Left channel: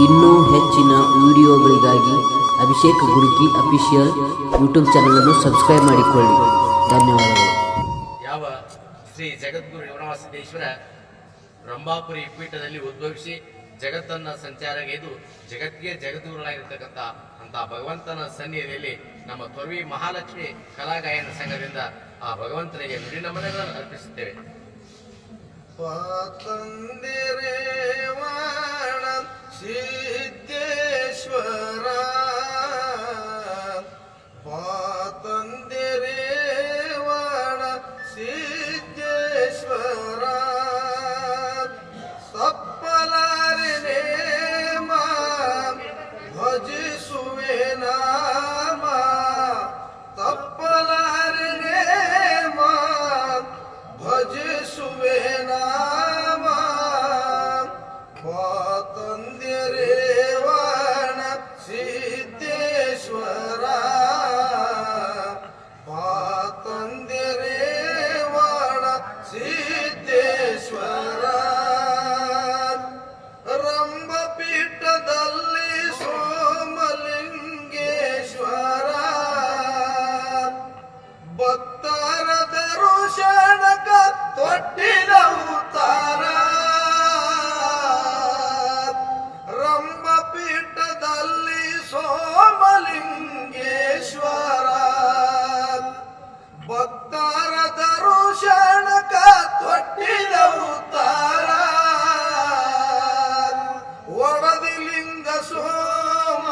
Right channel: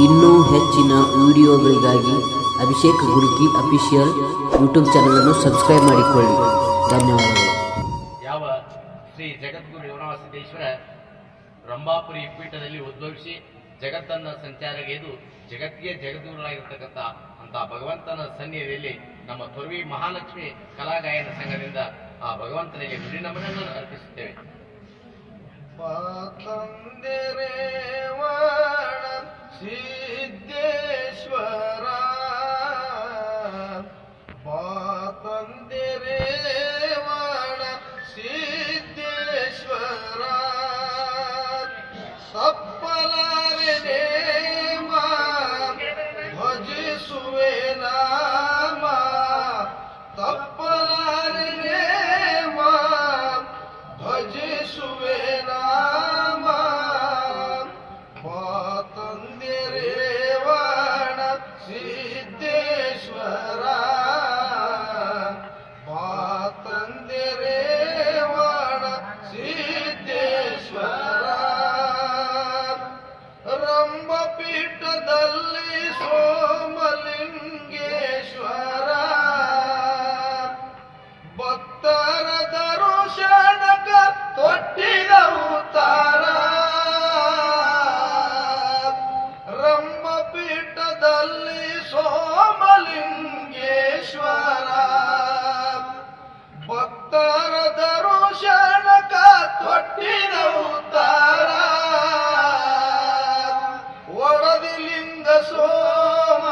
ಇನ್ನೂ ಹೆಚ್ಚಿನ ವಿಡಿಯೋಗಳಿಗಾಗಿ ಅಭಿಷೇಕ್ ಗುರುಕಿ ಅಫಿಷಿಯಲ್ ಯೂಟ್ಯೂಬ್ ಚಾನಲನ್ನು ಸಬ್ಸ್ಕ್ರೈಬ್ ಮಾಡಿಕೊಳ್ಳಿ. ಧನ್ಯವಾದಗಳು. ಯಾವ ಶ್ರೀ ಜಗದ್ಗುರು ರೇವಣವ ಸಿದ್ದೇಶ್ವರ ರಂಭಾಪುರಿ ಪೀಠದಲ್ಲಿ ಉದ್ಭವಿಸಿ ಜಗತ್ತನ್ನ ಸಂಚಾರಗೈದು ಜಗತ್ತಿಗೆ ಜಗದ್ಗುರುಗಳಾಗಿರ್ತಕ್ಕಂಥ ಅಂತ ಭಗವಂತನ ಸನ್ನಿಧಿಯಲ್ಲಿ ನಮ್ಮ ತೊರವಿ ಮಹಾಲಕ್ಷ್ಮಿ ಕಲಾಗಾಯನ ಸಂಘದಿಂದ ಆ ಭಗವಂತನಿಗೆ ನುಡಿ ನಮನಗಳನ್ನು ಅರ್ಪಿಸುತ್ತೇವೆ. ಸಿದ್ದೇಶ್ವರ ಪಾತಂದಿರೇವಣ ಸಿದ್ದೇಶ್ವರ ತಪ್ಪಲಾರೆ ನೇಮ ಭಜಿಸುವೆ ನಾಮ ತಪ್ಪಲಾರೆ ನೇಮ ಭಜಿಸುವೆ ನಾಮ ಸೋಮಲಿಂಗೇಶ್ವರ. ಭಕ್ತರ ದರುಶನಕ ಒಡದಿ ಲಿಂಗ ಸೋಮ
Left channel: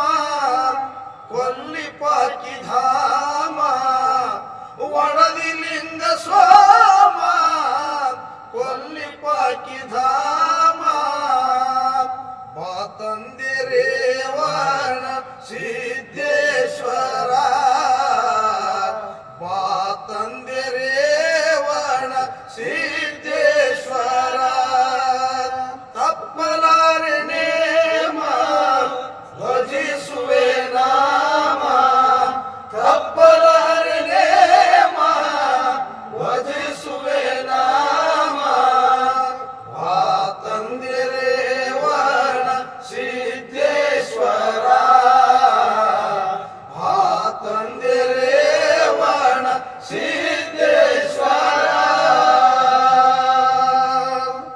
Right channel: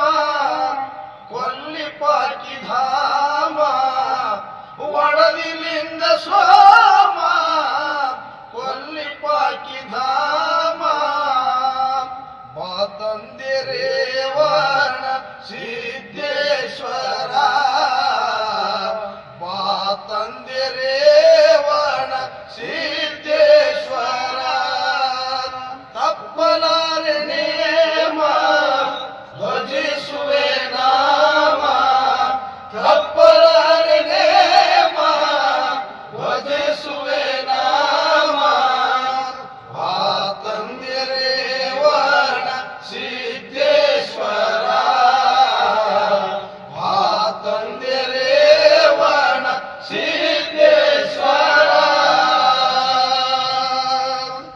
ಕೊಲ್ಲಿಪಾಕಿ ಧಾಮ. ಒಡದಿ ಲಿಂಗ ಸೋಮ ಕೊಲ್ಲಿಪಾಕಿ ಧಾಮ. ಮಾತಂದಿರೇವಣ